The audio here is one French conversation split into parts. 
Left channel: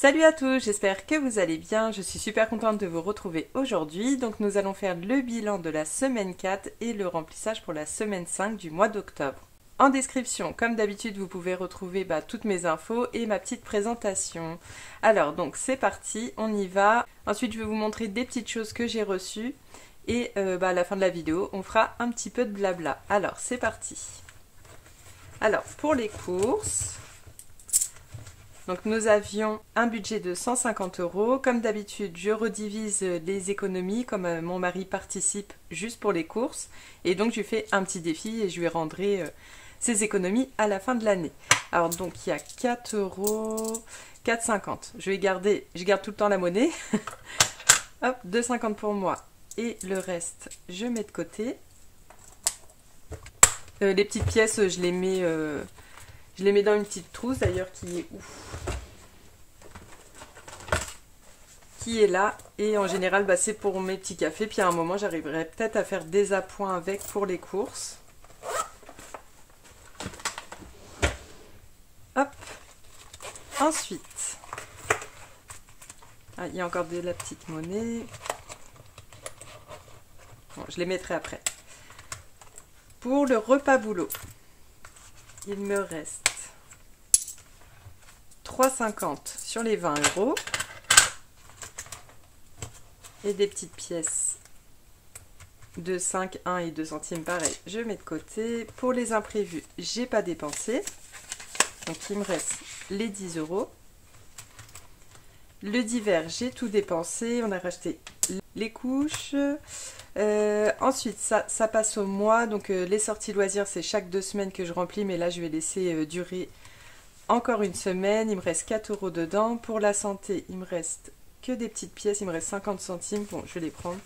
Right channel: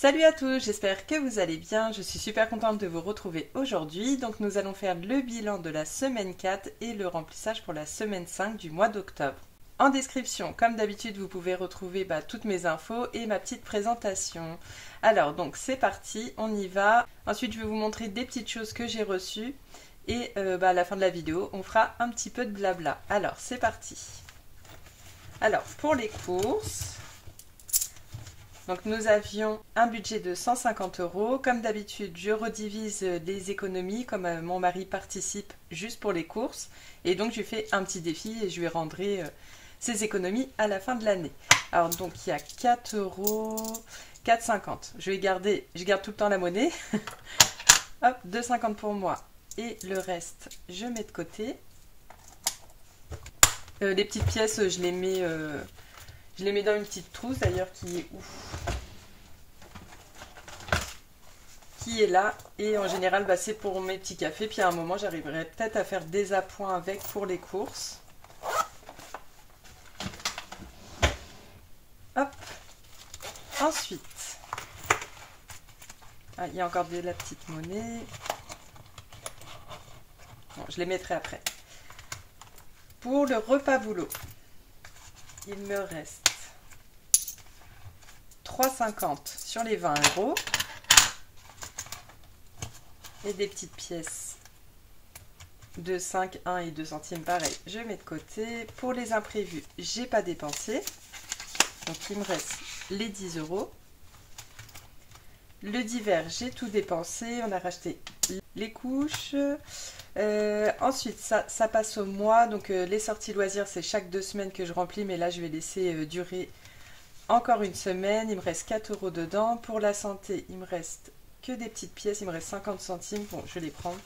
Salut à tous, j'espère que vous allez bien. Je suis super contente de vous retrouver aujourd'hui. Donc nous allons faire le bilan de la semaine 4 et le remplissage pour la semaine 5 du mois d'octobre. En description, comme d'habitude, vous pouvez retrouver toutes mes infos et ma petite présentation. Alors donc c'est parti, on y va. Ensuite je vais vous montrer des petites choses que j'ai reçues. Et à la fin de la vidéo, on fera un petit peu de blabla. Alors c'est parti. Alors pour les courses... Donc nous avions un budget de 150 €. Comme d'habitude, je redivise les économies, comme mon mari participe juste pour les courses. Et donc je lui fais un petit défi et je lui rendrai ses économies à la fin de l'année. Alors donc il y a 4 €, 4,50 €. Je garde tout le temps la monnaie. Hop, 2,50 € pour moi. Et le reste, je mets de côté. Les petites pièces, je les mets dans une petite trousse d'ailleurs qui est là. Et en général, c'est pour mes petits cafés. Puis à un moment, j'arriverai peut-être à faire des appoints avec pour les courses. Hop. Ensuite, il y a encore de la petite monnaie. Bon, je les mettrai après. Pour le repas boulot, il me reste 3,50 € sur les 20 €. Et des petites pièces de 5, 1 et 2 centimes, pareil, je mets de côté. Pour les imprévus, j'ai pas dépensé. Donc il me reste les 10 €. Le divers, j'ai tout dépensé. On a racheté les couches. Ensuite, ça passe au mois. Donc les sorties loisirs, c'est chaque 2 semaines que je remplis. Mais là, je vais laisser durer encore une semaine. Il me reste 4 € dedans. Pour la santé, il me reste que des petites pièces. Il me reste 50 centimes. Bon, je vais les prendre.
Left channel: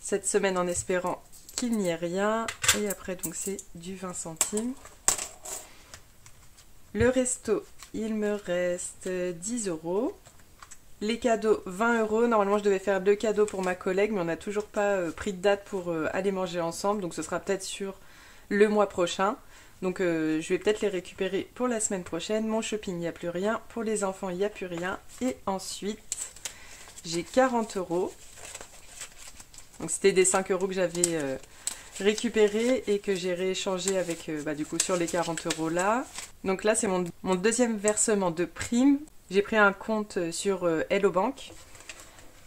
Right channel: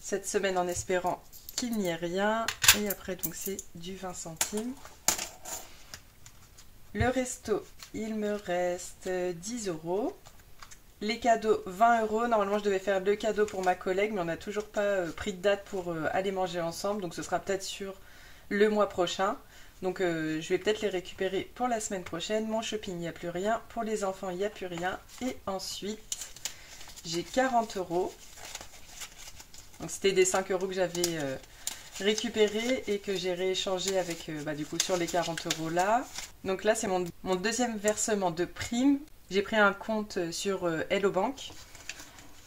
Cette semaine en espérant qu'il n'y ait rien. Et après, donc c'est du 20 centimes. Le resto, il me reste 10 €. Les cadeaux, 20 €. Normalement, je devais faire 2 cadeaux pour ma collègue, mais on n'a toujours pas pris de date pour aller manger ensemble. Donc, ce sera peut-être sur le mois prochain. Donc, je vais peut-être les récupérer pour la semaine prochaine. Mon shopping, il n'y a plus rien. Pour les enfants, il n'y a plus rien. Et ensuite, j'ai 40 €. Donc, c'était des 5 € que j'avais récupérés et que j'ai rééchangé avec, du coup, sur les 40 € là. Donc là, c'est mon deuxième versement de prime. J'ai pris un compte sur Hello Bank.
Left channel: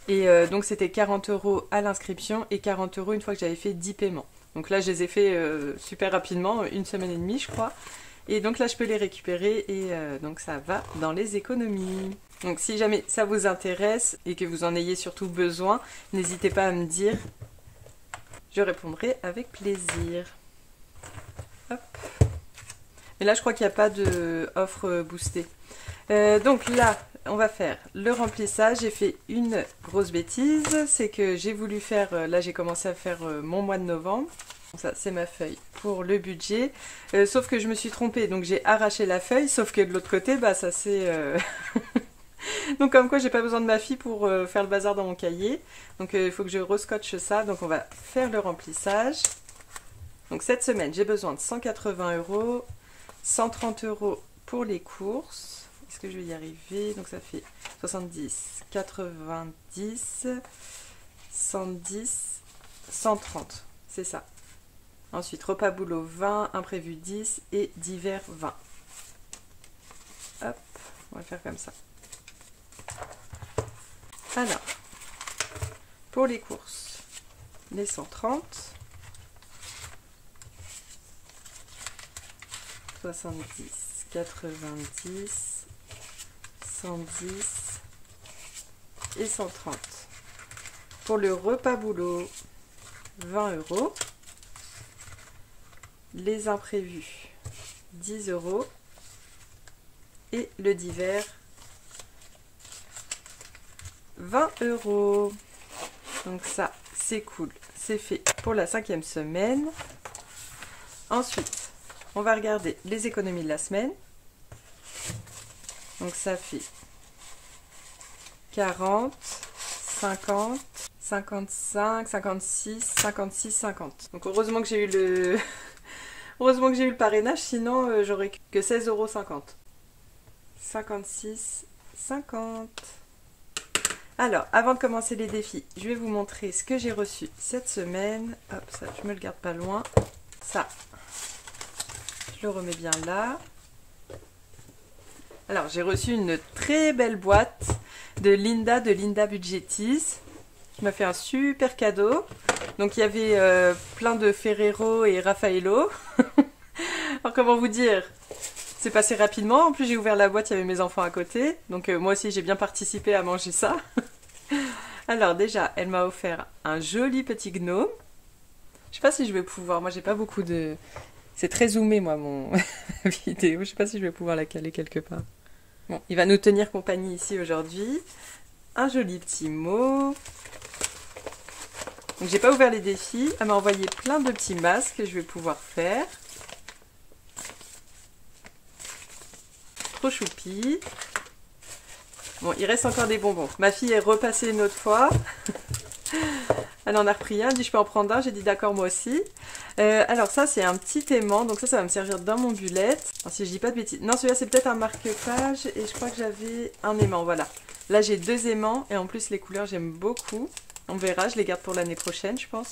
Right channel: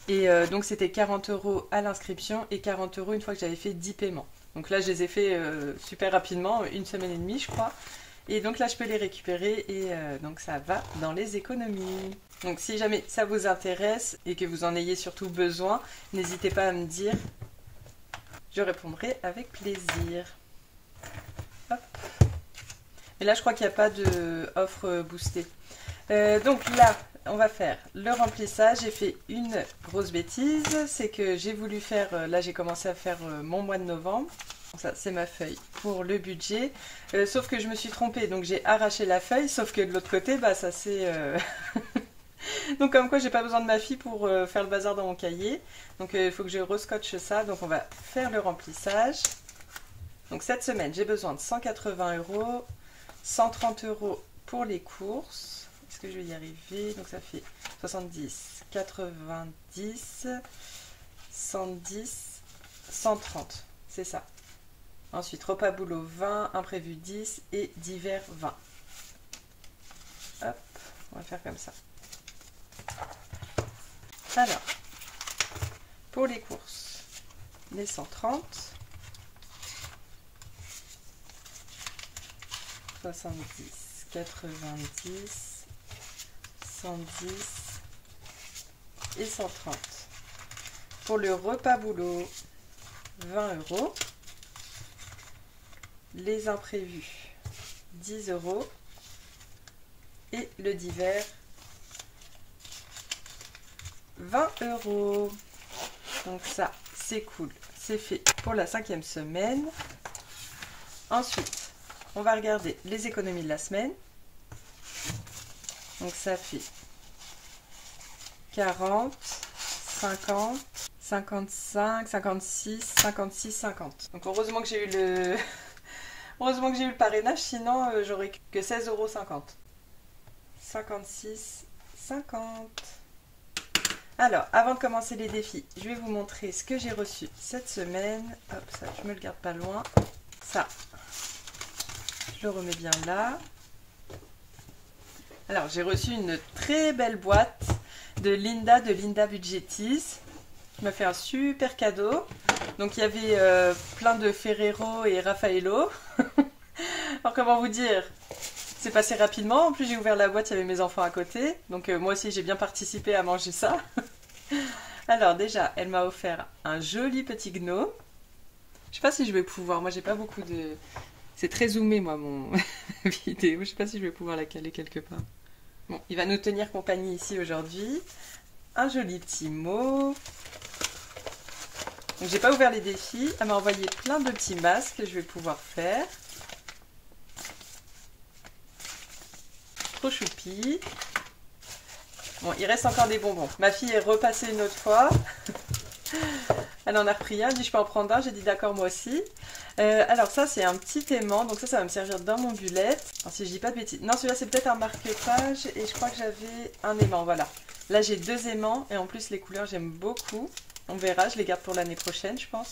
Et donc, c'était 40 € à l'inscription et 40 € une fois que j'avais fait 10 paiements. Donc là, je les ai fait super rapidement, 1 semaine et demie, je crois. Et donc là, je peux les récupérer et donc ça va dans les économies. Donc si jamais ça vous intéresse et que vous en ayez surtout besoin, n'hésitez pas à me dire. Je répondrai avec plaisir. Hop. Et là, je crois qu'il n'y a pas de offre boostée. Donc là, on va faire le remplissage. J'ai fait une grosse bêtise. C'est que j'ai voulu faire... Là, j'ai commencé à faire mon mois de novembre. Ça, c'est ma feuille pour le budget. Sauf que je me suis trompée. Donc, j'ai arraché la feuille. Sauf que de l'autre côté, ça c'est... Donc, comme quoi, j'ai pas besoin de ma fille pour faire le bazar dans mon cahier. Donc, il faut que je rescotche ça. Donc, on va faire le remplissage. Donc, cette semaine, j'ai besoin de 180 €. 130 € pour les courses. Est-ce que je vais y arriver? Donc ça fait 70, 90, 110, 130. C'est ça. Ensuite, repas boulot 20, imprévu 10 et divers 20. Hop, on va faire comme ça. Alors, pour les courses, les 130. 70, 90, 110 et 130. Pour le repas boulot, 20 €. Les imprévus, 10 €. Et le divers, 20 €. Donc ça, c'est cool. C'est fait pour la 5e semaine. Ensuite, on va regarder les économies de la semaine. Donc ça fait 40, 50, 55, 56, 56, 50. Donc heureusement que j'ai eu Heureusement que j'ai eu le parrainage, sinon j'aurais que 16,50 €. 56,50 €. Alors, avant de commencer les défis, je vais vous montrer ce que j'ai reçu cette semaine. Hop, ça, je me le garde pas loin. Ça, je le remets bien là. Alors, j'ai reçu une très belle boîte de Linda Budgetis. Je m'a fait un super cadeau. Donc, il y avait plein de Ferrero et Raffaello. Alors, comment vous dire? C'est passé rapidement. En plus, j'ai ouvert la boîte, il y avait mes enfants à côté. Donc, moi aussi, j'ai bien participé à manger ça. Alors, déjà, elle m'a offert un joli petit gnome. Je sais pas si je vais pouvoir. Moi, j'ai pas beaucoup de. C'est très zoomé, moi, mon vidéo. Je sais pas si je vais pouvoir la caler quelque part. Bon, il va nous tenir compagnie ici aujourd'hui. Un joli petit mot. Donc, j'ai pas ouvert les défis. Elle m'a envoyé plein de petits masques que je vais pouvoir faire. Trop choupi. Bon, il reste encore des bonbons. Ma fille est repassée une autre fois. Elle en a repris un. Elle dit, je peux en prendre un. J'ai dit, d'accord, moi aussi. Alors ça, c'est un petit aimant. Donc ça va me servir dans mon bullet. Alors, si je dis pas de bêtises. Non, celui-là, c'est peut-être un marque-page. Et je crois que j'avais un aimant. Voilà. Là, j'ai 2 aimants. Et en plus, les couleurs, j'aime beaucoup. On verra. Je les garde pour l'année prochaine, je pense.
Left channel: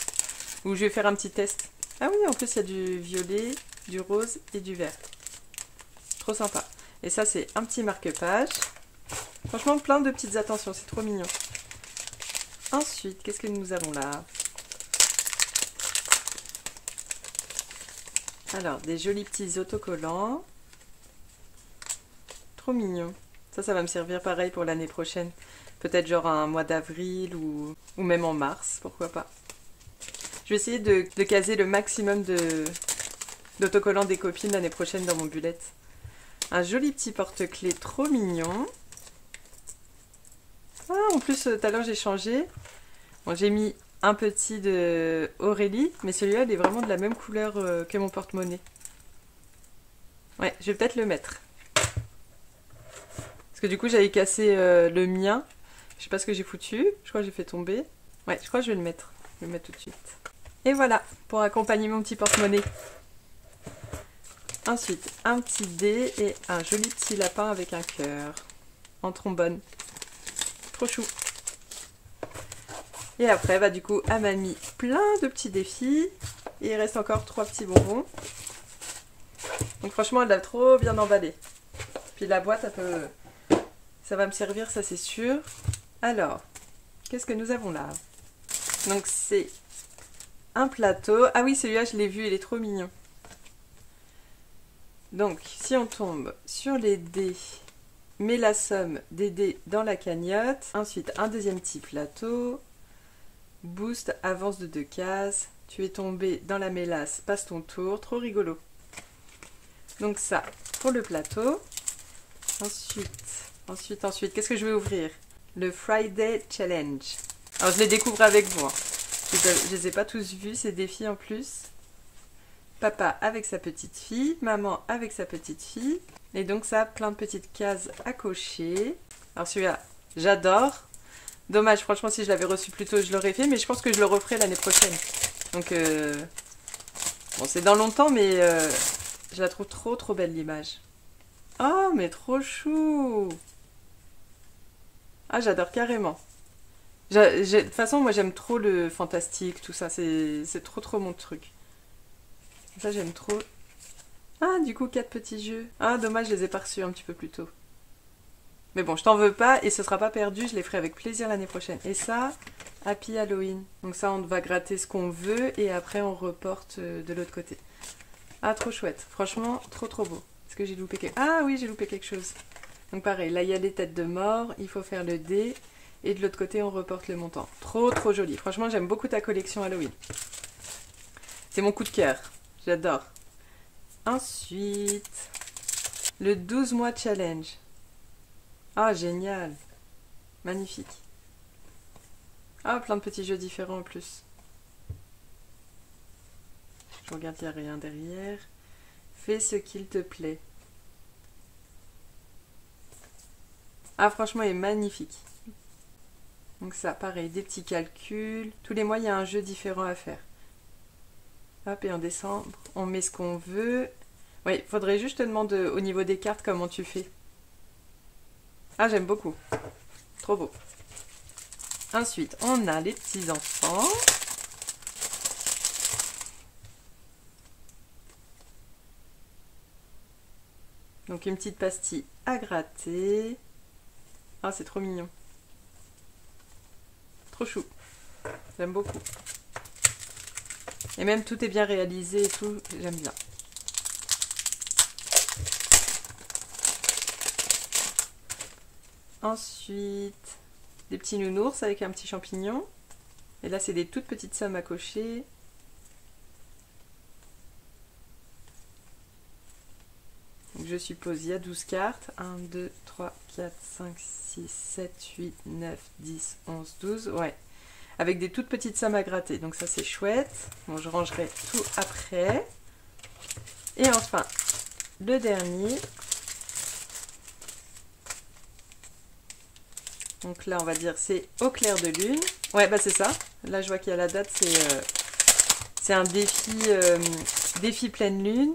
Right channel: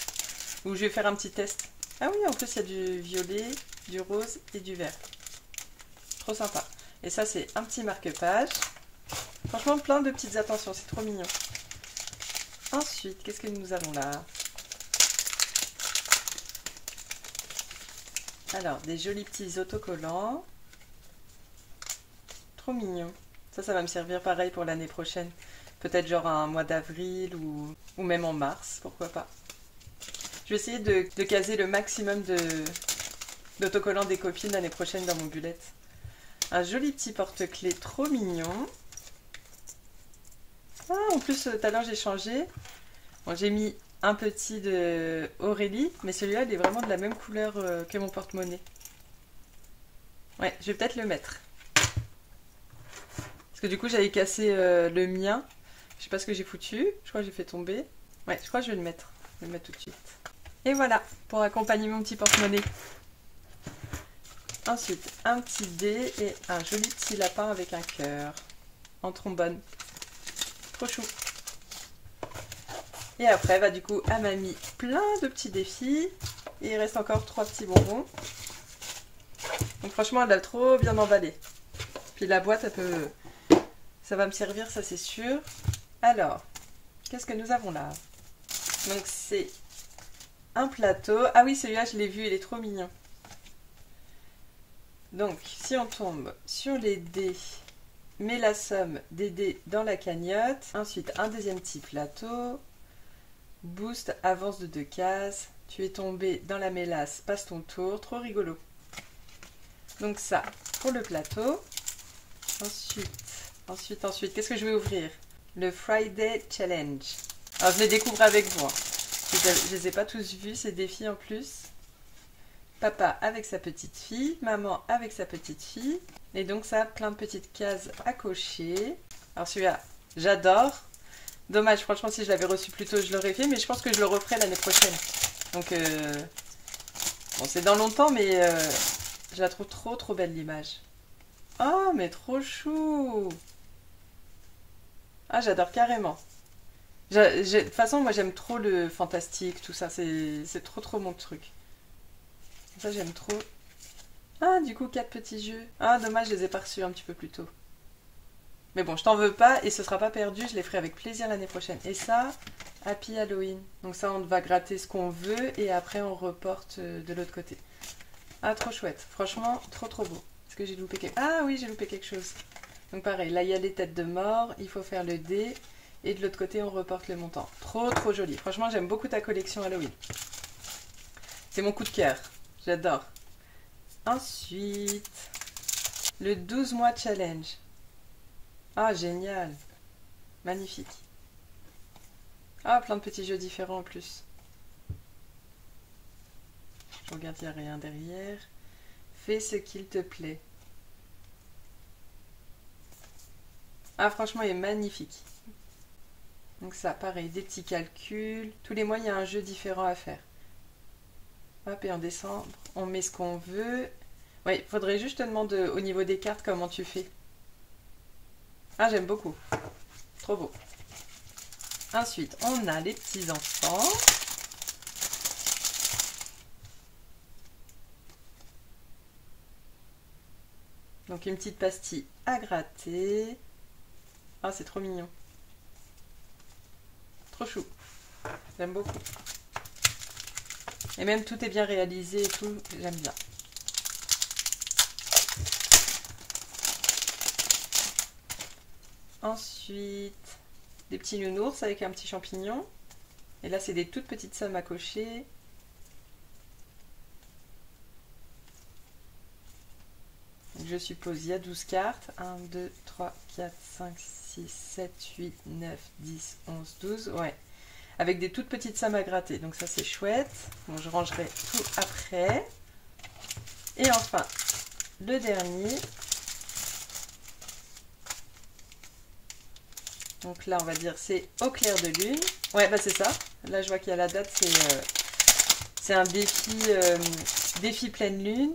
Ou je vais faire un petit test. Ah oui, en plus, il y a du violet, du rose et du vert. Trop sympa. Et ça, c'est un petit marque-page. Franchement, plein de petites attentions. C'est trop mignon. Ensuite, qu'est-ce que nous avons là? Alors, des jolis petits autocollants. Trop mignon. Ça va me servir pareil pour l'année prochaine. Peut-être genre un mois d'avril ou même en mars, pourquoi pas. Je vais essayer de caser le maximum d'autocollants des copines l'année prochaine dans mon bullet. Un joli petit porte-clés trop mignon. Ah, en plus, tout à l'heure, j'ai changé. Bon, j'ai mis un petit de Aurélie, mais celui-là, il est vraiment de la même couleur que mon porte-monnaie. Ouais, je vais peut-être le mettre. Parce que du coup, j'avais cassé le mien. Je sais pas ce que j'ai foutu. Je crois que j'ai fait tomber. Ouais, je crois que je vais le mettre. Je vais le mettre tout de suite. Et voilà, pour accompagner mon petit porte-monnaie. Ensuite, un petit dé et un joli petit lapin avec un cœur. En trombone. Trop chou. Et après, bah, du coup, elle m'a mis plein de petits défis. Et il reste encore 3 petits bonbons. Donc franchement, elle a trop bien emballé. Puis la boîte, ça va me servir, ça c'est sûr. Alors, qu'est-ce que nous avons là? Donc c'est un plateau. Ah oui, celui-là, je l'ai vu, il est trop mignon. Donc, si on tombe sur les dés, mets la somme des dés dans la cagnotte. Ensuite, un deuxième petit plateau. Boost, avance de 2 cases. Tu es tombé dans la mélasse, passe ton tour. Trop rigolo. Donc ça, pour le plateau. Ensuite, qu'est-ce que je vais ouvrir? Le Friday Challenge. Alors, je les découvre avec vous. Hein. Je les ai pas tous vus, ces défis en plus. Papa avec sa petite fille, maman avec sa petite fille. Et donc ça, plein de petites cases à cocher. Alors celui-là, j'adore. Dommage, franchement, si je l'avais reçu plus tôt, je l'aurais fait. Mais je pense que je le referai l'année prochaine. Donc, bon, c'est dans longtemps, mais je la trouve trop, trop belle, l'image. Oh, mais trop chou! Ah, j'adore carrément. De toute façon, moi, j'aime trop le fantastique, tout ça. C'est trop, trop mon truc. Ça, j'aime trop. Ah, du coup, 4 petits jeux. Ah, dommage, je les ai pas reçus un petit peu plus tôt. Mais bon, je t'en veux pas et ce sera pas perdu. Je les ferai avec plaisir l'année prochaine. Et ça, Happy Halloween. Donc ça, on va gratter ce qu'on veut et après, on reporte de l'autre côté. Ah, trop chouette. Franchement, trop, trop beau. Est-ce que j'ai loupé quelque chose? Ah oui, j'ai loupé quelque chose. Donc pareil, là, il y a les têtes de mort. Il faut faire le dé. Et de l'autre côté, on reporte le montant. Trop, trop joli. Franchement, j'aime beaucoup ta collection Halloween. C'est mon coup de cœur. J'adore. Ensuite, le 12 mois challenge. Ah, génial. Magnifique. Ah, plein de petits jeux différents en plus. Je regarde, il n'y a rien derrière. Fais ce qu'il te plaît. Ah, franchement, il est magnifique. Donc ça, pareil, des petits calculs. Tous les mois, il y a un jeu différent à faire. Hop, et en décembre, on met ce qu'on veut. Oui, il faudrait juste te demander au niveau des cartes comment tu fais. Ah, j'aime beaucoup. Trop beau. Ensuite, on a les petits enfants. Donc une petite pastille à gratter. Ah, c'est trop mignon. Trop chou. J'aime beaucoup. Et même tout est bien réalisé et tout, j'aime bien. Ensuite, des petits nounours avec un petit champignon. Et là, c'est des toutes petites sommes à cocher. Donc, je suppose il y a 12 cartes. 1, 2, 3, 4, 5, 6, 7, 8, 9, 10, 11, 12. Ouais. Avec des toutes petites sommes à gratter. Donc ça, c'est chouette. Bon, je rangerai tout après. Et enfin, le dernier. Donc là, on va dire c'est au clair de lune. Ouais, bah c'est ça. Là, je vois qu'il y a la date. C'est un défi pleine lune.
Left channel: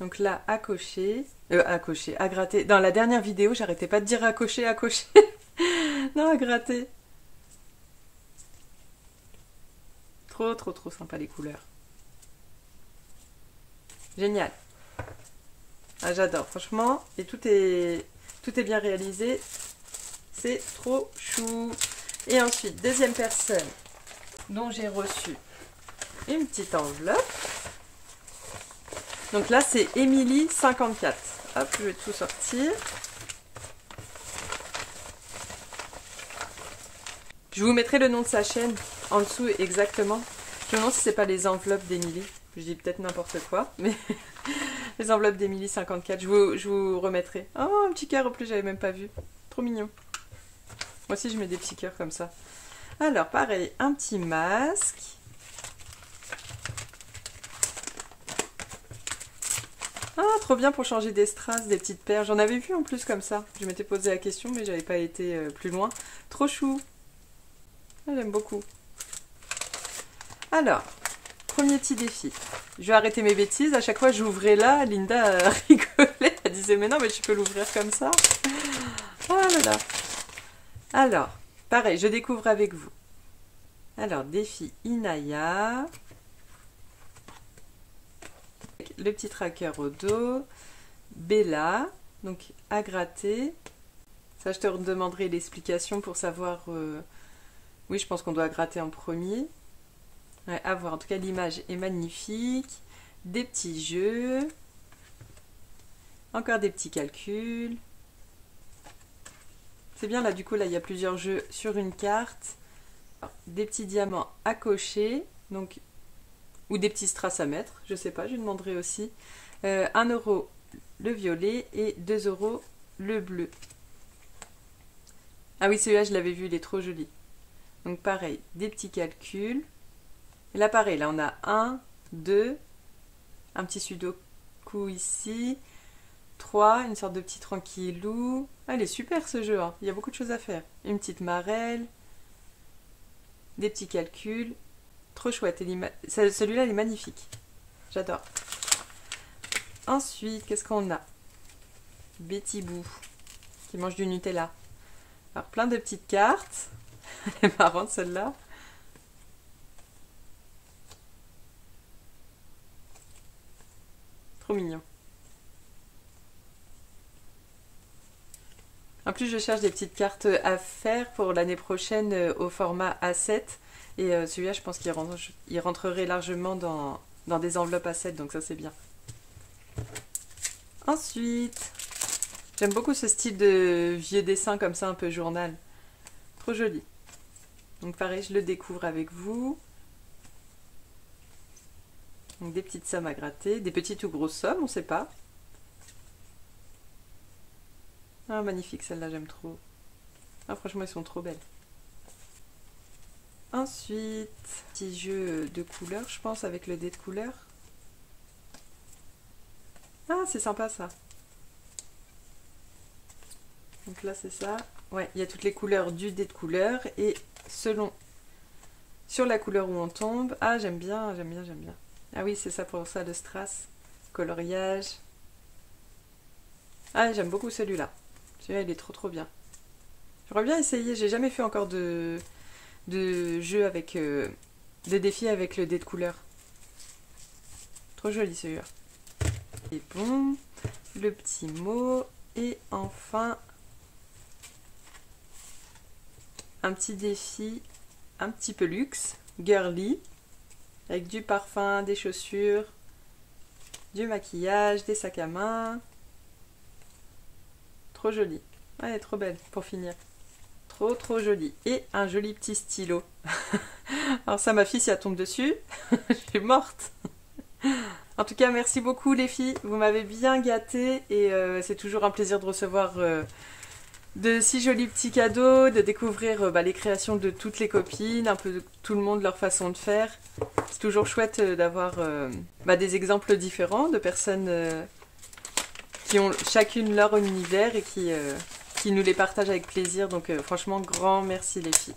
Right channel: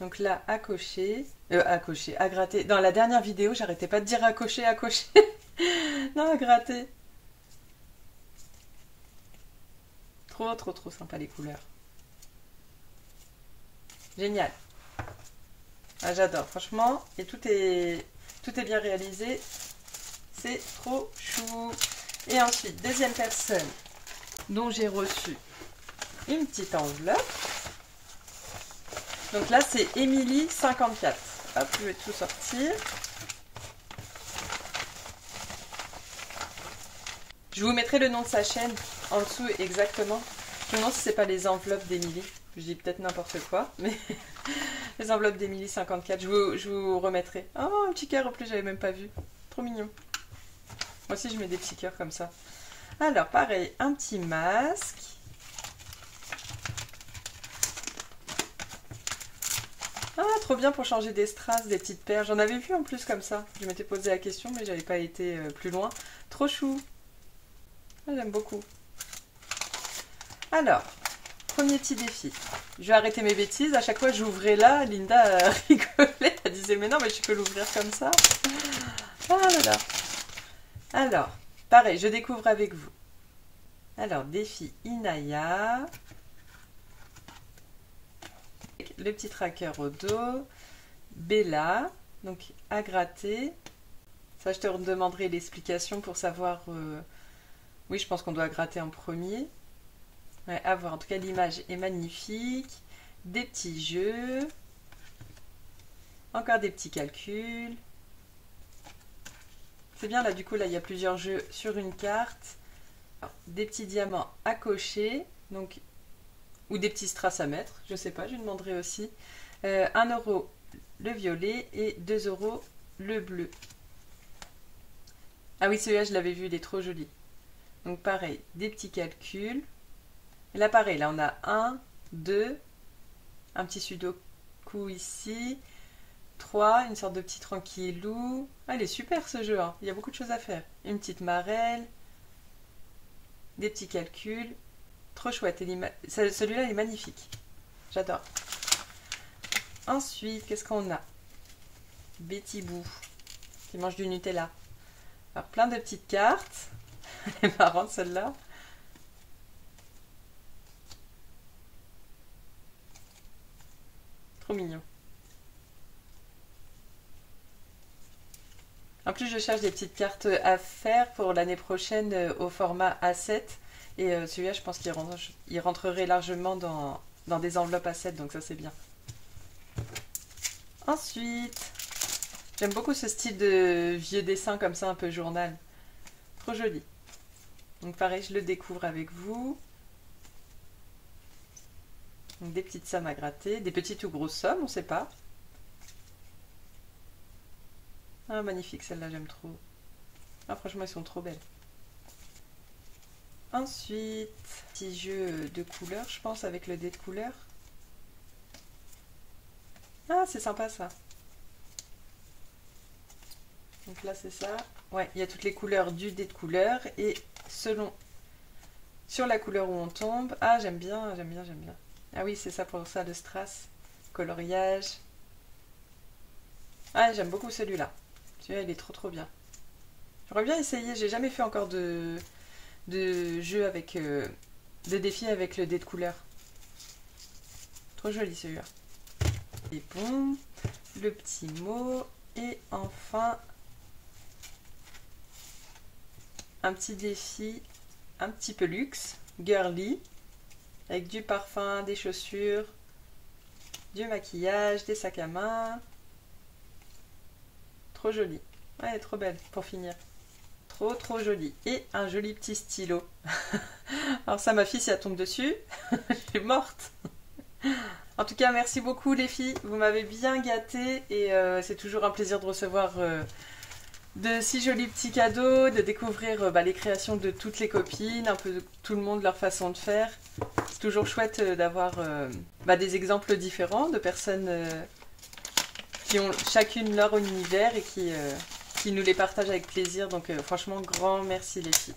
Donc là, à cocher. À gratter. Dans la dernière vidéo, j'arrêtais pas de dire à cocher, à cocher. Non, à gratter. Trop, trop, trop sympa les couleurs. Génial. Ah, j'adore, franchement. Et tout est bien réalisé. C'est trop chou. Et ensuite, deuxième personne dont j'ai reçu une petite enveloppe. Donc là, c'est Émilie 54. Hop, je vais tout sortir. Je vous mettrai le nom de sa chaîne en dessous exactement. Je me demande si c'est pas les enveloppes d'Émilie. Je dis peut-être n'importe quoi, mais les enveloppes d'Émilie 54. Je vous remettrai. Oh, un petit cœur en plus, j'avais même pas vu. Trop mignon. Moi aussi, je mets des petits cœurs comme ça. Alors, pareil, un petit masque. Ah, trop bien pour changer des strass, des petites perles. J'en avais vu en plus comme ça. Je m'étais posé la question, mais j'avais pas été plus loin. Trop chou. Ah, j'aime beaucoup. Alors, premier petit défi. Je vais arrêter mes bêtises. À chaque fois, j'ouvrais là. Linda rigolait. Elle disait, mais non, mais tu peux l'ouvrir comme ça. Oh là là. Alors, pareil, je découvre avec vous. Alors, défi Inaya. Le petit tracker au dos. Bella. Donc, à gratter. Ça, je te demanderai l'explication pour savoir... Oui, je pense qu'on doit gratter en premier. Ouais, à voir. En tout cas, l'image est magnifique. Des petits jeux. Encore des petits calculs. C'est bien, là, du coup, là, il y a plusieurs jeux sur une carte. Des petits diamants à cocher. Donc, ou des petits strass à mettre. Je sais pas, je lui demanderai aussi. 1 € le violet et 2 € le bleu. Ah oui, celui-là, je l'avais vu, il est trop joli. Donc, pareil, des petits calculs. Et là, pareil, là, on a 1, 2, un petit sudoku ici, 3, une sorte de petit tranquillou. Ah, il est super ce jeu, hein. Il y a beaucoup de choses à faire. Une petite marelle, des petits calculs. Trop chouette. Celui-là, il est magnifique. J'adore. Ensuite, qu'est-ce qu'on a? Betty Boo, qui mange du Nutella. Alors, plein de petites cartes. Elle est marrante, celle-là. Trop mignon. En plus, je cherche des petites cartes à faire pour l'année prochaine au format A7. Et celui-là, je pense qu'il rentrerait largement dans des enveloppes A7, donc ça, c'est bien. Ensuite, j'aime beaucoup ce style de vieux dessin comme ça, un peu journal. Trop joli. Donc pareil, je le découvre avec vous. Donc des petites sommes à gratter, des petites ou grosses sommes, on ne sait pas. Ah, magnifique, celle-là, j'aime trop. Ah, franchement, elles sont trop belles. Ensuite, petit jeu de couleurs, je pense, avec le dé de couleurs. Ah, c'est sympa, ça. Donc là, c'est ça. Ouais, il y a toutes les couleurs du dé de couleurs. Et selon sur la couleur où on tombe. Ah, j'aime bien, j'aime bien, j'aime bien. Ah oui, c'est ça pour ça, le strass. Coloriage. Ah, j'aime beaucoup celui-là. Celui-là, il est trop trop bien. J'aurais bien essayé, j'ai jamais fait encore de jeu avec... de défis avec le dé de couleur. Trop joli celui-là. Et bon, le petit mot. Et enfin, un petit défi un petit peu luxe, girly, avec du parfum, des chaussures, du maquillage, des sacs à main. Trop joli. Ouais, trop belle pour finir. Trop trop jolie. Et un joli petit stylo. Alors ça, ma fille, si elle tombe dessus, je suis morte. En tout cas, merci beaucoup les filles. Vous m'avez bien gâtée et c'est toujours un plaisir de recevoir de si jolis petits cadeaux, de découvrir les créations de toutes les copines, un peu de tout le monde, leur façon de faire. C'est toujours chouette d'avoir des exemples différents de personnes qui ont chacune leur univers et qui nous les partagent avec plaisir. Donc franchement, grand merci les filles.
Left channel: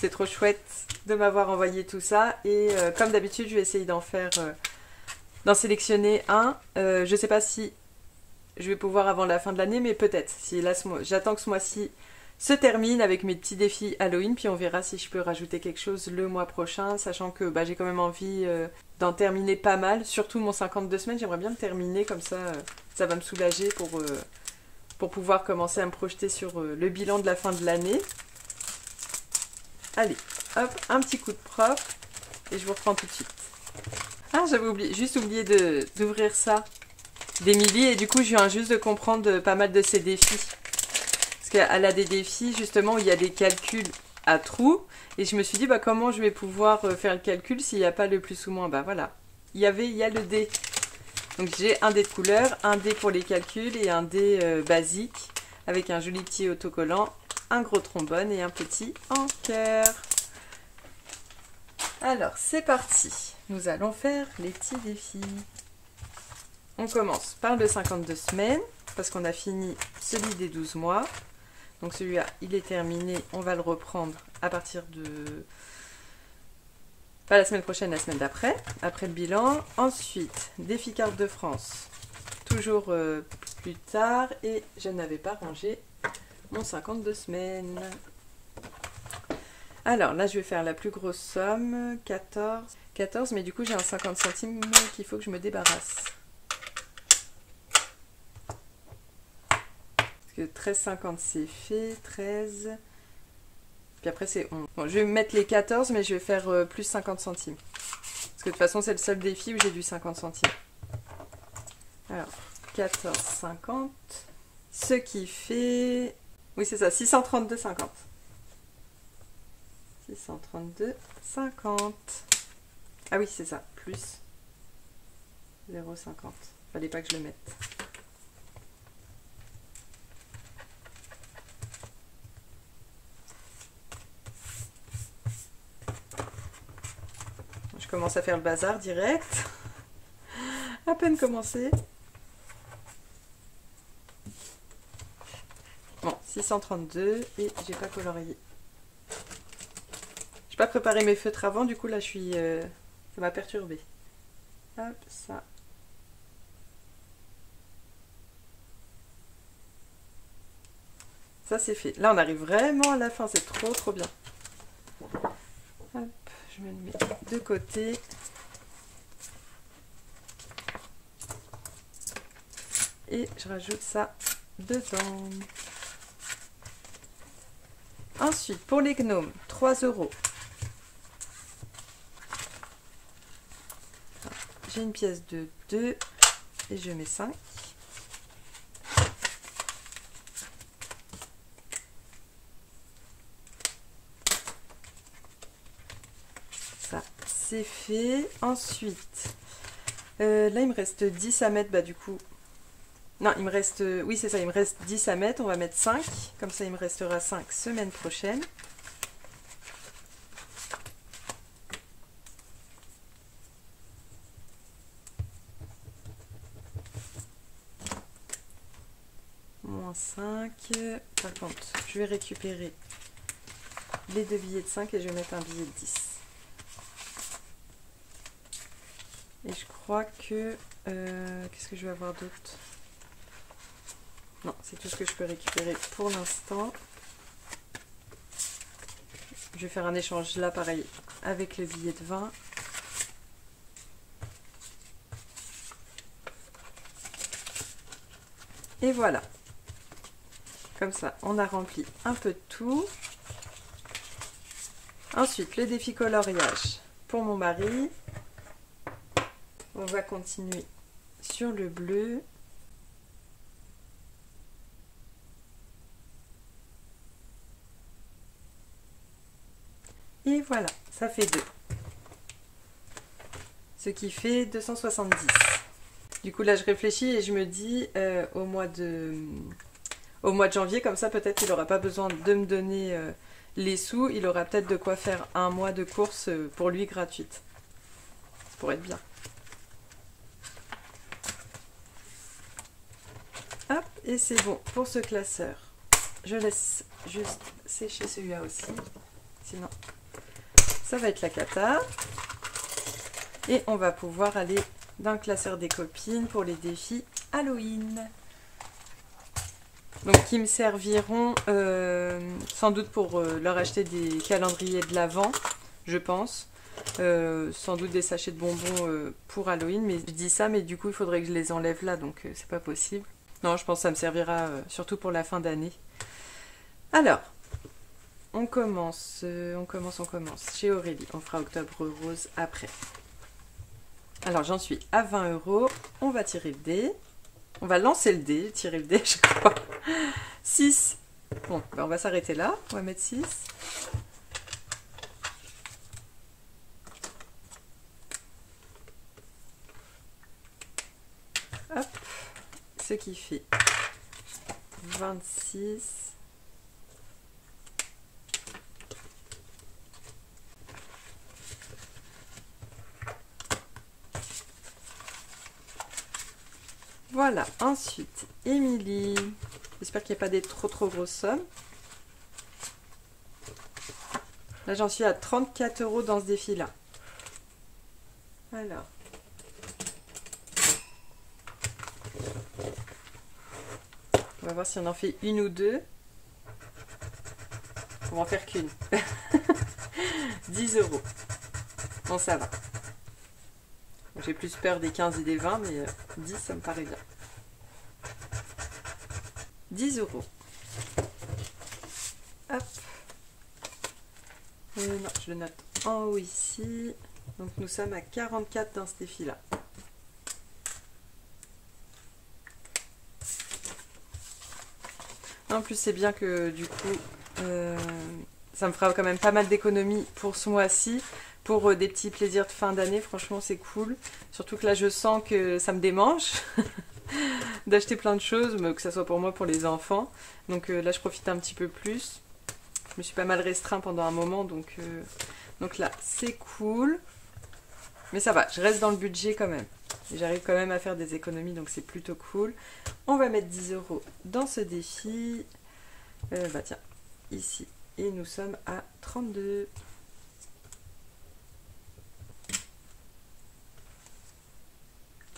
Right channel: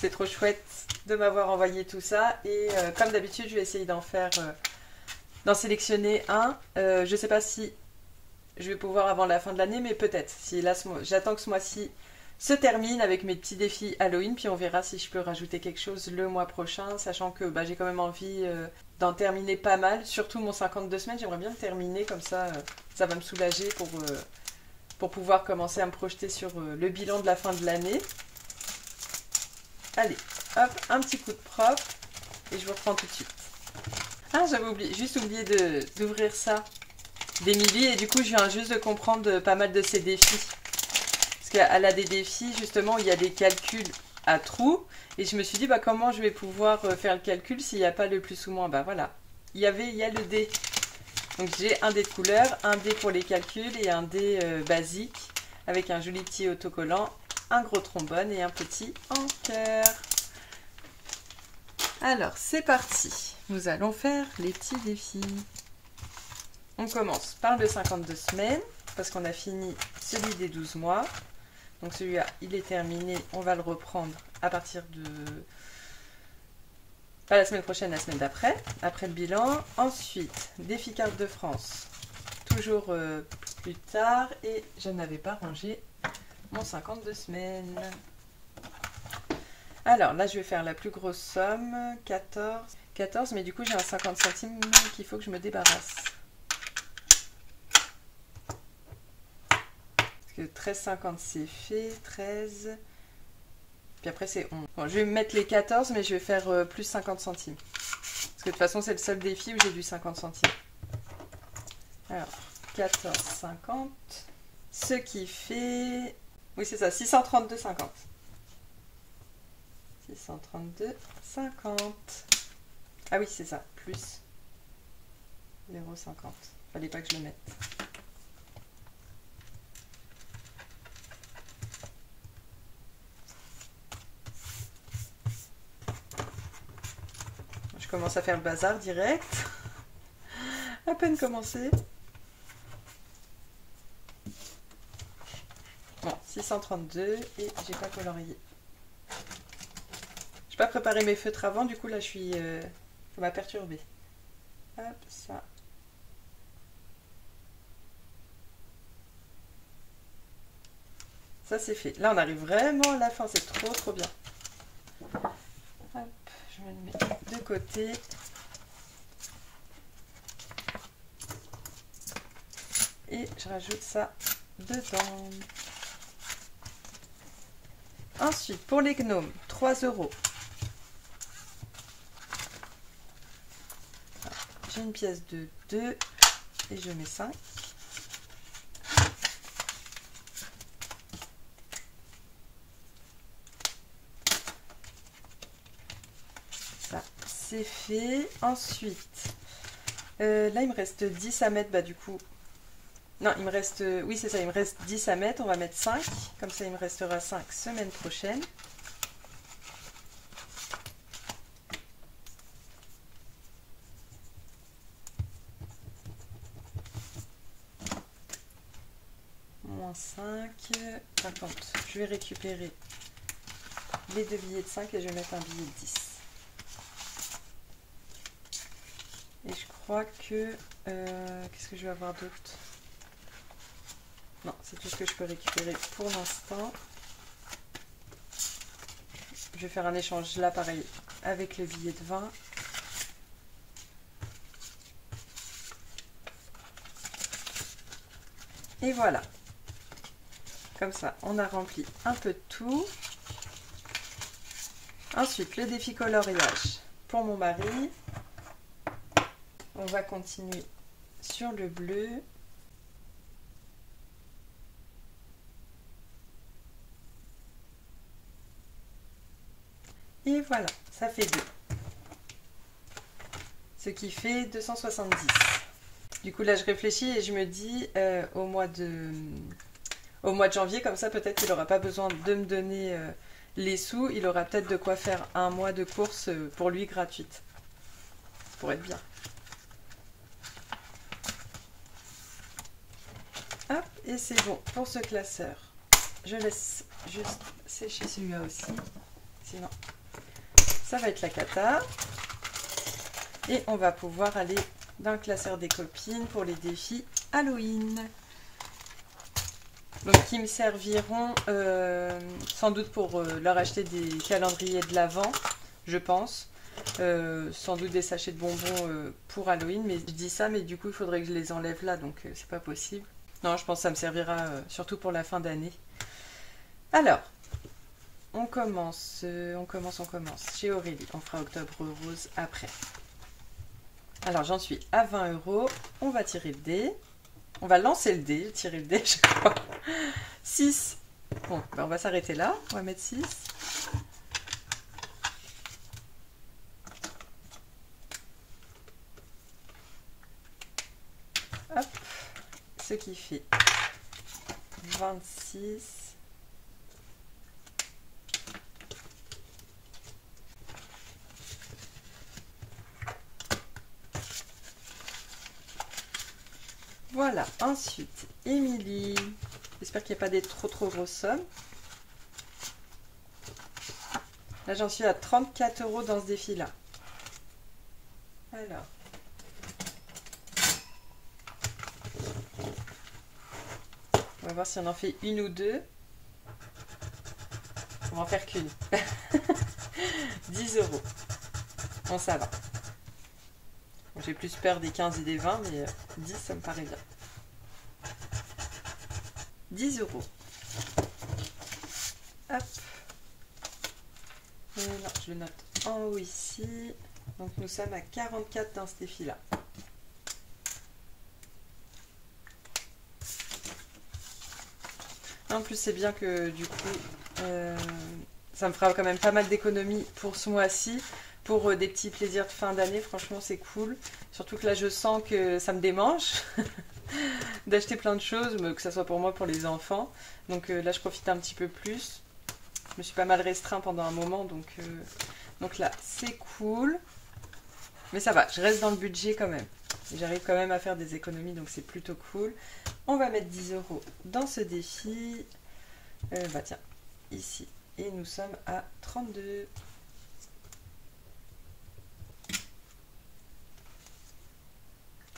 C'est trop chouette de m'avoir envoyé tout ça. Et comme d'habitude, je vais essayer d'en sélectionner un. Je sais pas si je vais pouvoir avant la fin de l'année, mais peut-être. Si là, j'attends que ce mois-ci se termine avec mes petits défis Halloween, puis on verra si je peux rajouter quelque chose le mois prochain, sachant que j'ai quand même envie d'en terminer pas mal. Surtout mon 52 semaines, j'aimerais bien le terminer, comme ça, ça va me soulager pour pouvoir commencer à me projeter sur le bilan de la fin de l'année. Allez, hop, un petit coup de propre, et je vous reprends tout de suite. Ah, j'avais juste oublié d'ouvrir ça d'Emilie, et du coup je viens juste de comprendre pas mal de ses défis. Parce qu'elle a des défis justement où il y a des calculs à trous, et je me suis dit comment je vais pouvoir faire le calcul s'il n'y a pas le plus ou moins. Voilà, il y a le dé. Donc j'ai un dé de couleur, un dé pour les calculs et un dé basique avec un joli petit autocollant, un gros trombone et un petit encaire. Alors c'est parti, nous allons faire les petits défis. On commence par le 52 semaines, parce qu'on a fini celui des 12 mois. Donc celui-là, il est terminé. On va le reprendre à partir de... Pas la semaine prochaine, la semaine d'après, après le bilan. Ensuite, défi carte de France, toujours plus tard. Et je n'avais pas rangé mon 52 semaines. Alors là, je vais faire la plus grosse somme, 14. 14, mais du coup, j'ai un 50 centimes qu'il faut que je me débarrasse. 13,50 c'est fait, 13, puis après c'est 11. Bon, je vais mettre les 14, mais je vais faire plus 50 centimes. Parce que de toute façon, c'est le seul défi où j'ai du 50 centimes. Alors, 14,50, ce qui fait... Oui, c'est ça, 632,50. 632,50. Ah oui, c'est ça, plus 0,50. Fallait pas que je le mette. Je commence à faire le bazar direct. À peine commencé. Bon, 632 et j'ai pas colorié. J'ai pas préparé mes feutres avant, du coup là je suis... ça m'a perturbé. Hop, ça. Ça c'est fait. Là on arrive vraiment à la fin, c'est trop trop bien. Hop, je vais le mettre de côté. Et je rajoute ça dedans. Ensuite, pour les gnomes, 3 €. J'ai une pièce de 2 et je mets 5. Ça, c'est fait. Ensuite, là, il me reste 10 à mettre, du coup... Non, il me reste... oui, c'est ça, il me reste 10 à mettre. On va mettre 5. Comme ça, il me restera 5 semaine prochaine. Moins 5. Par contre, je vais récupérer les 2 billets de 5 et je vais mettre un billet de 10. Et je crois que... qu'est-ce que je vais avoir d'autre? Non, c'est tout ce que je peux récupérer pour l'instant. Je vais faire un échange là, pareil, avec le billet de 20. Et voilà. Comme ça, on a rempli un peu de tout. Ensuite, le défi coloriage pour mon mari. On va continuer sur le bleu. Et voilà, ça fait 2. Ce qui fait 270. Du coup, là, je réfléchis et je me dis au mois de janvier, comme ça, peut-être qu'il n'aura pas besoin de me donner les sous. Il aura peut-être de quoi faire un mois de course pour lui gratuite. Ça pourrait être bien. Hop, et c'est bon pour ce classeur. Je laisse juste sécher celui-là aussi. Sinon, ça va être la cata. Et on va pouvoir aller dans le classeur des copines pour les défis Halloween. Donc qui me serviront sans doute pour leur acheter des calendriers de l'Avent, je pense. Sans doute des sachets de bonbons pour Halloween. Mais je dis ça, mais du coup il faudrait que je les enlève là, donc c'est pas possible. Non, je pense que ça me servira surtout pour la fin d'année. Alors, on commence chez Aurélie. On fera Octobre Rose après. Alors, j'en suis à 20 €. On va tirer le dé. On va lancer le dé, tirer le dé, je crois. 6. Bon, ben on va s'arrêter là. On va mettre 6. Hop. Ce qui fait 26. Voilà, ensuite, Émilie. J'espère qu'il n'y a pas des trop grosses sommes. Là, j'en suis à 34 € dans ce défi-là. Alors. On va voir si on en fait une ou deux. On va en faire qu'une. 10 €. Bon, ça va. J'ai plus peur des 15 et des 20, mais 10, ça me paraît bien. 10 €. Hop. Non, je le note en haut ici. Donc nous sommes à 44 dans ce défi-là. En plus, c'est bien que du coup, ça me fera quand même pas mal d'économies pour ce mois-ci. Pour des petits plaisirs de fin d'année, franchement c'est cool. Surtout que là je sens que ça me démange d'acheter plein de choses, que ce soit pour moi, pour les enfants. Donc là je profite un petit peu plus. Je me suis pas mal restreint pendant un moment, donc là c'est cool. Mais ça va, je reste dans le budget quand même. J'arrive quand même à faire des économies, donc c'est plutôt cool. On va mettre 10 € dans ce défi. Bah tiens, ici. Et nous sommes à 32.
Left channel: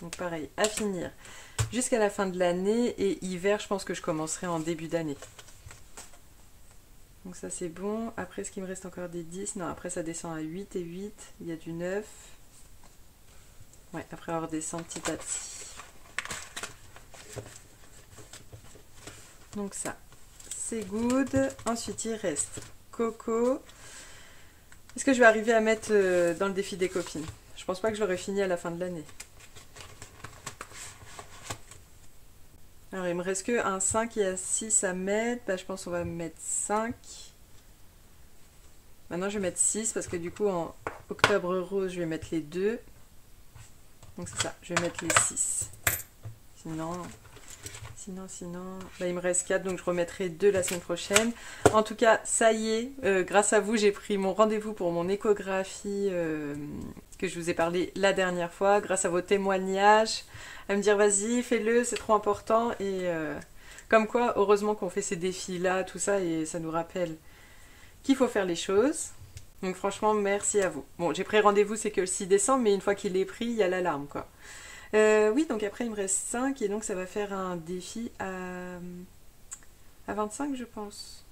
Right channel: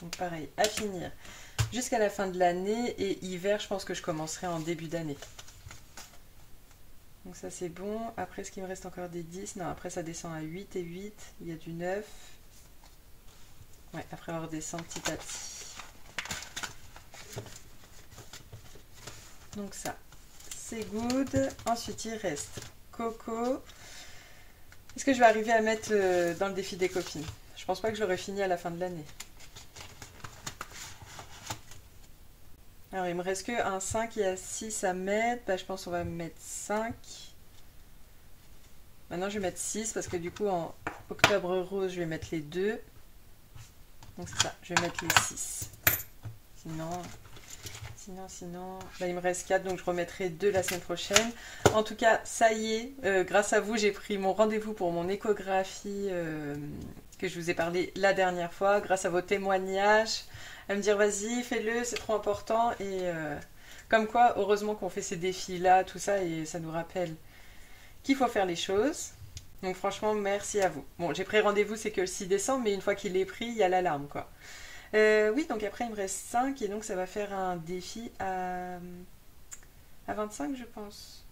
Donc pareil, à finir jusqu'à la fin de l'année. Et hiver, je pense que je commencerai en début d'année. Donc ça c'est bon. Après, est-ce qu'il me reste encore des 10? Non, après ça descend à 8 et 8. Il y a du 9. Ouais, après on redescend petit à petit. Donc ça, c'est good. Ensuite, il reste Coco. Est-ce que je vais arriver à mettre dans le défi des copines? Je pense pas que j'aurai fini à la fin de l'année. Alors, il me reste que un 5 et un 6 à mettre. Bah, je pense qu'on va mettre 5. Maintenant, je vais mettre 6 parce que du coup, en Octobre Rose, je vais mettre les 2. Donc, c'est ça. Je vais mettre les 6. Sinon, bah, il me reste 4. Donc, je remettrai 2 la semaine prochaine. En tout cas, ça y est. Grâce à vous, j'ai pris mon rendez-vous pour mon échographie que je vous ai parlé la dernière fois. Grâce à vos témoignages. À me dire vas-y fais-le, c'est trop important. Et comme quoi heureusement qu'on fait ces défis là, tout ça, et ça nous rappelle qu'il faut faire les choses. Donc franchement, merci à vous. Bon, j'ai pris rendez-vous, c'est que le 6 décembre, mais une fois qu'il est pris, il y a l'alarme, quoi. Oui, donc après, il me reste 5, et donc ça va faire un défi à 25, je pense.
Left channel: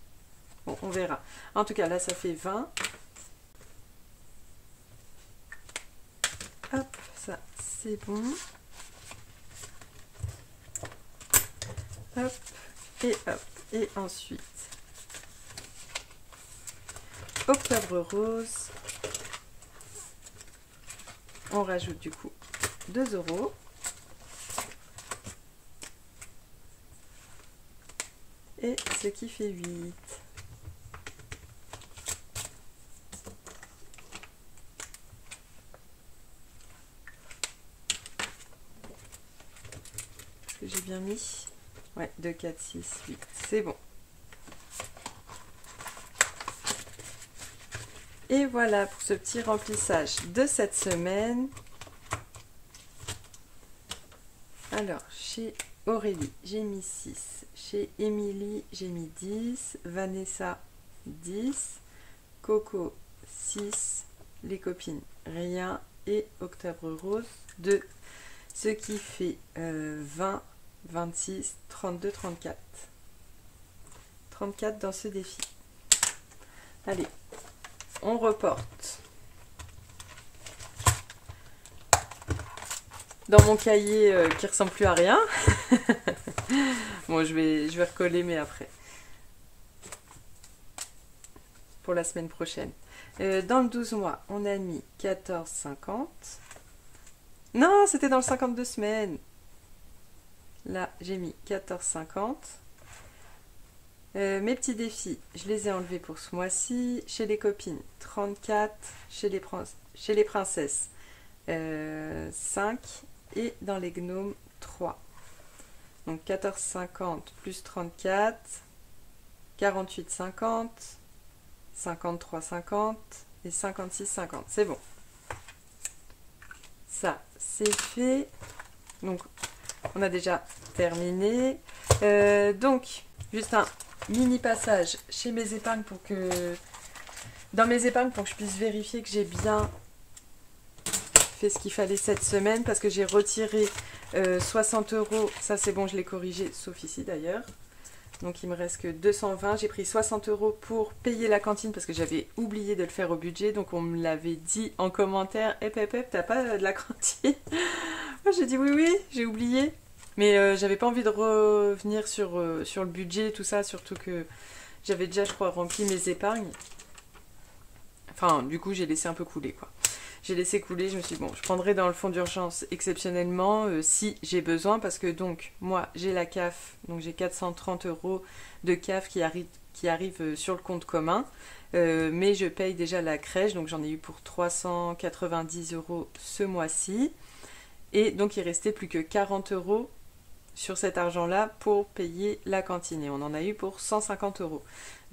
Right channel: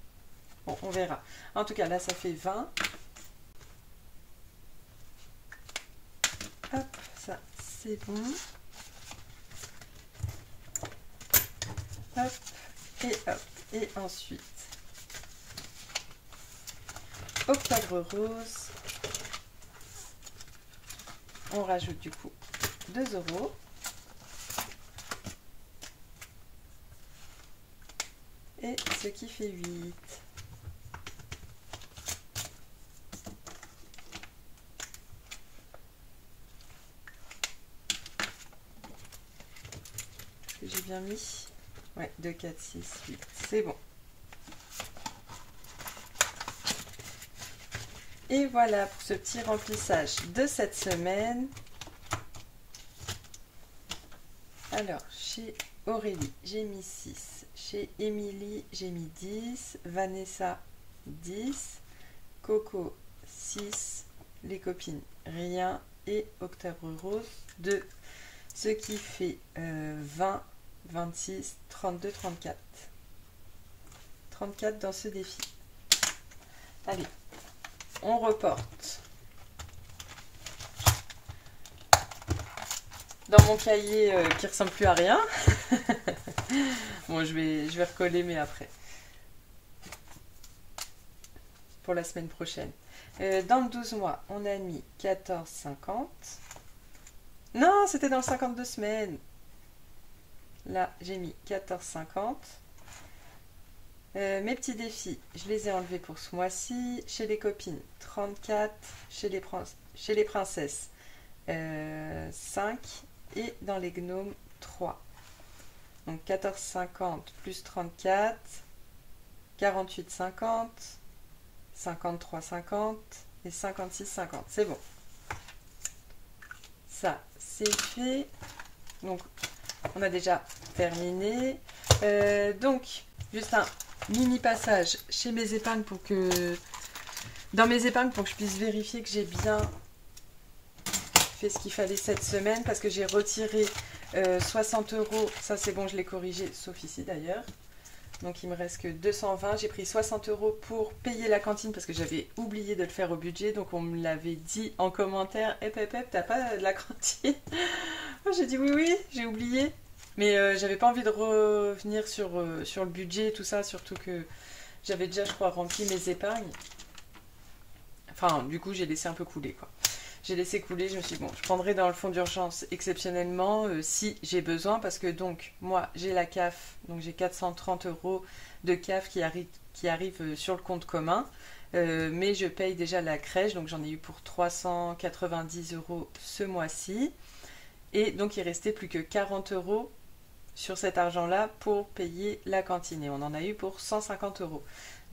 Bon, on verra. En tout cas, là, ça fait 20. Hop, ça, c'est bon. Hop, et hop. Et ensuite, Octobre Rose. On rajoute du coup 2 €. Et ce qui fait 8. Est-ce que j'ai bien mis? Ouais, 2, 4, 6, 8. C'est bon. Et voilà pour ce petit remplissage de cette semaine. Alors, chez Aurélie, j'ai mis 6. Chez Émilie, j'ai mis 10. Vanessa, 10. Coco, 6. Les copines, rien. Et Octobre Rose, 2. Ce qui fait 20, 26, 32, 34. 34 dans ce défi. Allez, on reporte. Dans mon cahier qui ressemble plus à rien. Bon, je vais recoller, mais après. Pour la semaine prochaine. Dans le 12 mois, on a mis 14,50. Non, c'était dans le 52 semaines. Là, j'ai mis 14,50. Mes petits défis, je les ai enlevés pour ce mois-ci. Chez les copines, 34. Chez les princesses, 5. Et dans les gnomes, 3. Donc 14,50 plus 34, 48,50, 53,50 et 56,50. C'est bon. Ça, c'est fait. Donc, on a déjà terminé. Donc, juste un mini passage chez mes épargnes pour que... Dans mes épargnes, pour que je puisse vérifier que j'ai bien fait ce qu'il fallait cette semaine, parce que j'ai retiré 60 €. Ça, c'est bon, je l'ai corrigé, sauf ici d'ailleurs. Donc, il me reste que 220. J'ai pris 60 € pour payer la cantine parce que j'avais oublié de le faire au budget. Donc, on me l'avait dit en commentaire. T'as pas de la cantine? Moi, j'ai dit oui, j'ai oublié. Mais j'avais pas envie de revenir sur le budget, tout ça. Surtout que j'avais déjà, je crois, rempli mes épargnes. Enfin, du coup, j'ai laissé un peu couler, quoi. J'ai laissé couler, je me suis dit, bon, je prendrai dans le fonds d'urgence exceptionnellement si j'ai besoin, parce que donc, moi, j'ai la CAF, donc j'ai 430 € de CAF qui arrive sur le compte commun, mais je paye déjà la crèche, donc j'en ai eu pour 390 € ce mois-ci, et donc il restait plus que 40 € sur cet argent-là pour payer la cantine, et on en a eu pour 150 €.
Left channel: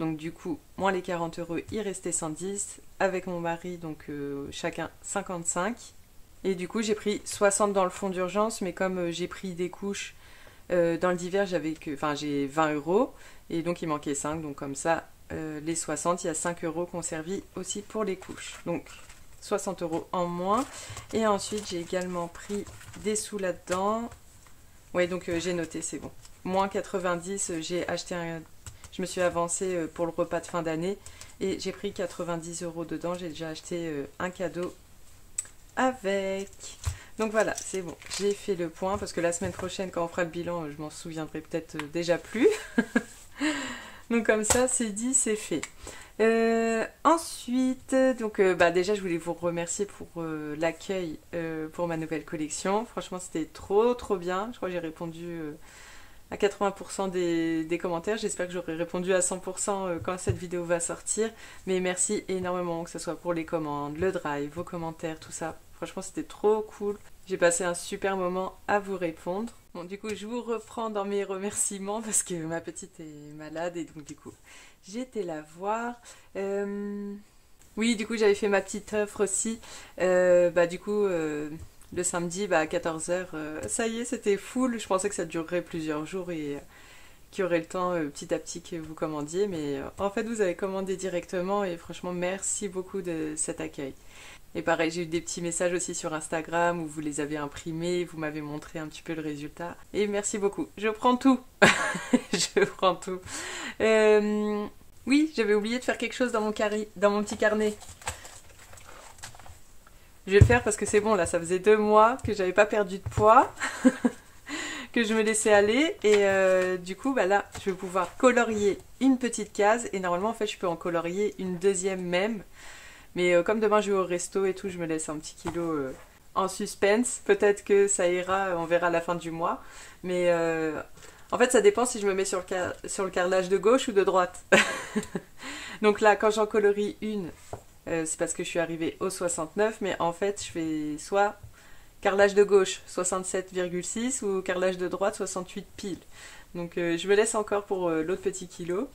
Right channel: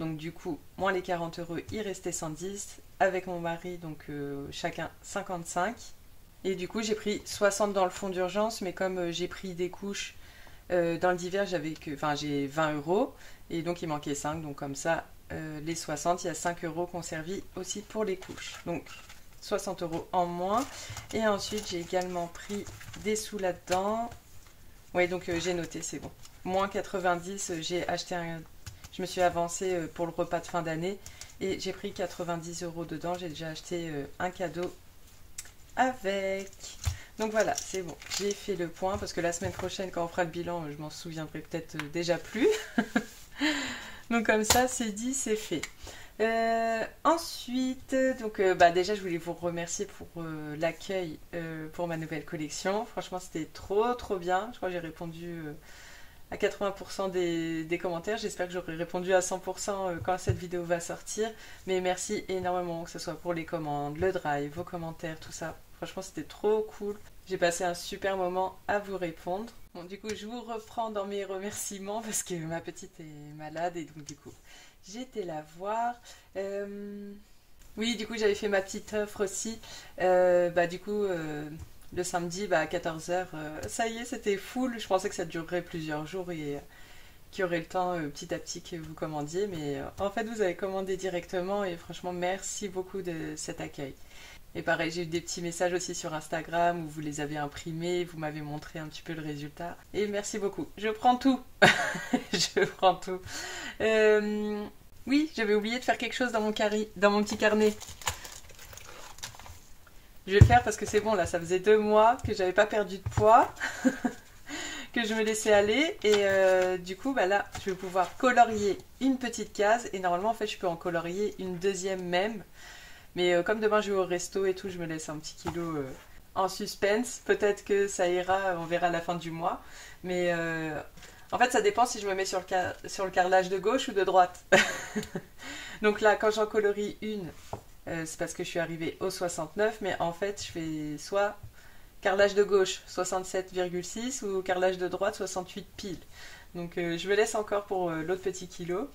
Donc du coup, moins les 40 €, il restait 110, avec mon mari, donc chacun 55. Et du coup, j'ai pris 60 dans le fonds d'urgence, mais comme j'ai pris des couches dans le divers, j'ai 20 €, et donc il manquait 5, donc comme ça, les 60, il y a 5 € qu'on servit aussi pour les couches. Donc 60 € en moins. Et ensuite, j'ai également pris des sous là-dedans. Ouais, donc j'ai noté, c'est bon. Moins 90, j'ai acheté je me suis avancée pour le repas de fin d'année et j'ai pris 90 € dedans. J'ai déjà acheté un cadeau avec. Donc voilà, c'est bon. J'ai fait le point parce que la semaine prochaine, quand on fera le bilan, je m'en souviendrai peut-être déjà plus. Donc comme ça, c'est dit, c'est fait. Ensuite, donc déjà, je voulais vous remercier pour l'accueil pour ma nouvelle collection. Franchement, c'était trop bien. Je crois que j'ai répondu à 80% des commentaires. J'espère que j'aurai répondu à 100% quand cette vidéo va sortir. Mais merci énormément, que ce soit pour les commandes, le drive, vos commentaires, tout ça. Franchement, c'était trop cool. J'ai passé un super moment à vous répondre. Bon, du coup, je vous reprends dans mes remerciements parce que ma petite est malade et donc du coup, j'étais la voir. Oui, du coup, j'avais fait ma petite offre aussi. Le samedi, à 14 h, ça y est, c'était full. Je pensais que ça durerait plusieurs jours et qui aurait le temps petit à petit que vous commandiez. Mais en fait, vous avez commandé directement et franchement, merci beaucoup de cet accueil. Et pareil, j'ai eu des petits messages aussi sur Instagram où vous les avez imprimés, vous m'avez montré un petit peu le résultat. Et merci beaucoup. Je prends tout. Je prends tout. Oui, j'avais oublié de faire quelque chose dans mon petit carnet. Je vais le faire parce que c'est bon, là, ça faisait 2 mois que j'avais pas perdu de poids, que je me laissais aller. Et du coup, bah là, je vais pouvoir colorier une petite case. Et normalement, en fait, je peux en colorier une deuxième même. Mais comme demain je vais au resto et tout, je me laisse un petit kilo en suspense. Peut-être que ça ira, on verra à la fin du mois. Mais en fait, ça dépend si je me mets sur le carrelage de gauche ou de droite. Donc là, quand j'en colorie une, c'est parce que je suis arrivée au 69. Mais en fait, je fais soit carrelage de gauche 67,6 ou carrelage de droite 68 pile. Donc je me laisse encore pour l'autre petit kilo.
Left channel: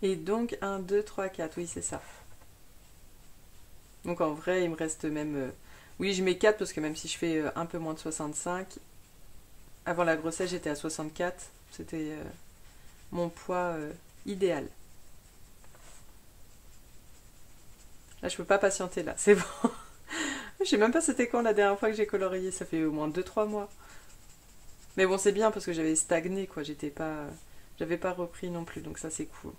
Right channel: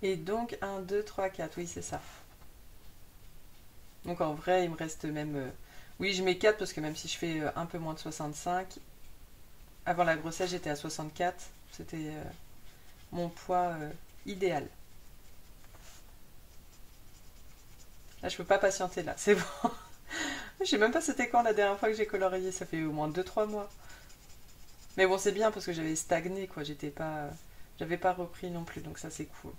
Et donc 1, 2, 3, 4, oui c'est ça. Donc en vrai il me reste même... Oui je mets 4 parce que même si je fais un peu moins de 65, avant la grossesse j'étais à 64, c'était mon poids idéal. Là je peux pas patienter là, c'est bon. Je sais même pas c'était quand la dernière fois que j'ai colorié, ça fait au moins 2-3 mois. Mais bon c'est bien parce que j'avais stagné quoi, j'avais pas repris non plus donc ça c'est cool.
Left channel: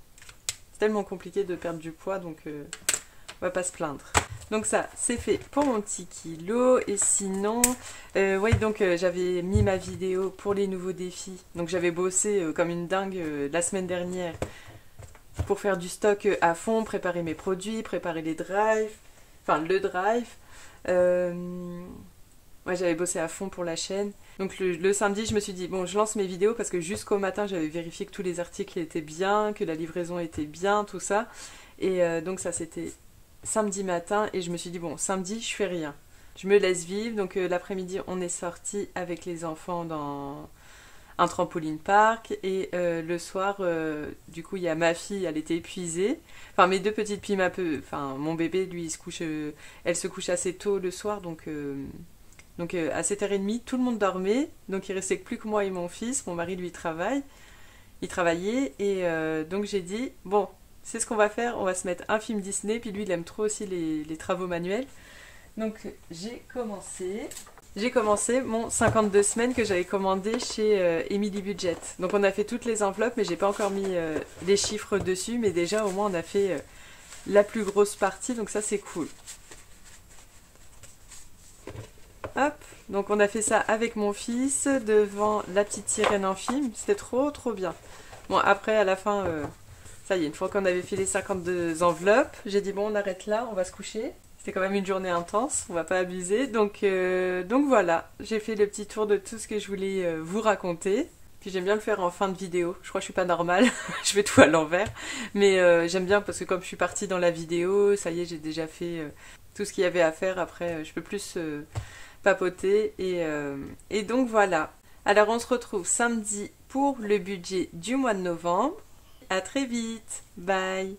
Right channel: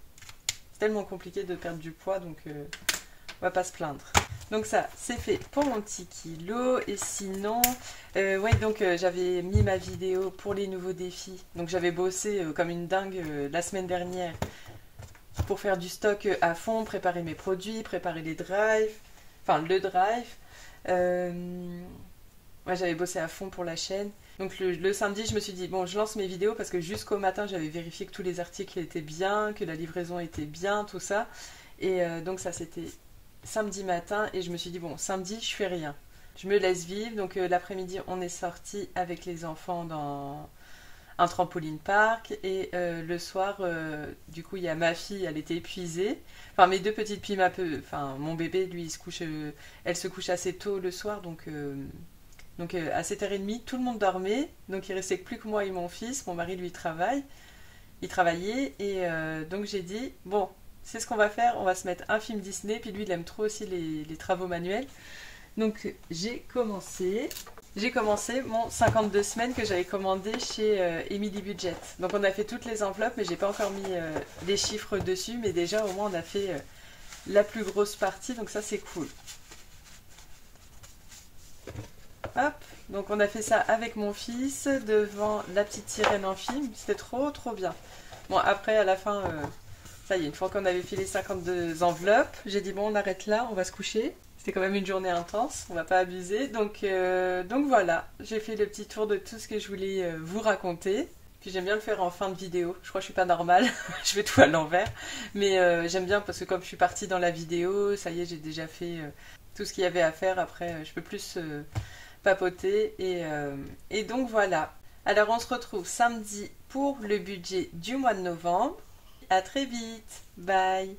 Tellement compliqué de perdre du poids donc on va pas se plaindre. Donc ça c'est fait pour mon petit kilo. Et sinon ouais donc j'avais mis ma vidéo pour les nouveaux défis, donc j'avais bossé comme une dingue la semaine dernière pour faire du stock à fond, préparer mes produits, préparer les drives, enfin le drive. Ouais, j'avais bossé à fond pour la chaîne. Donc le samedi, je me suis dit, bon, je lance mes vidéos parce que jusqu'au matin, j'avais vérifié que tous les articles étaient bien, que la livraison était bien, tout ça. Et donc ça, c'était samedi matin. Et je me suis dit, bon, samedi, je fais rien. Je me laisse vivre. Donc l'après-midi, on est sorti avec les enfants dans un trampoline park. Et le soir, du coup, il y a ma fille, elle était épuisée. Enfin, mes 2 petites filles, enfin, mon bébé, lui, elle se couche assez tôt le soir, donc à 7h30, tout le monde dormait, donc il restait plus que moi et mon fils. Mon mari, lui, il travaillait, et donc j'ai dit, bon, c'est ce qu'on va faire, on va se mettre un film Disney, puis lui, il aime trop aussi les travaux manuels. Donc j'ai commencé mon 52 semaines que j'avais commandé chez Emily Budget. Donc on a fait toutes les enveloppes, mais j'ai pas encore mis les chiffres dessus, mais déjà au moins on a fait la plus grosse partie, donc ça c'est cool. Hop, donc on a fait ça avec mon fils devant la petite sirène en film, c'était trop trop bien. Bon après à la fin, ça y est, une fois qu'on avait fait les 52 enveloppes, j'ai dit bon on arrête là, on va se coucher. C'était quand même une journée intense, on va pas abuser. Donc voilà, j'ai fait le petit tour de tout ce que je voulais vous raconter. Puis j'aime bien le faire en fin de vidéo. Je crois que je suis pas normale, je fais tout à l'envers. Mais j'aime bien parce que comme je suis partie dans la vidéo, ça y est, j'ai déjà fait tout ce qu'il y avait à faire. Après, je peux plus papoter. Et donc voilà. Alors on se retrouve samedi pour le budget du mois de novembre. À très vite. Bye.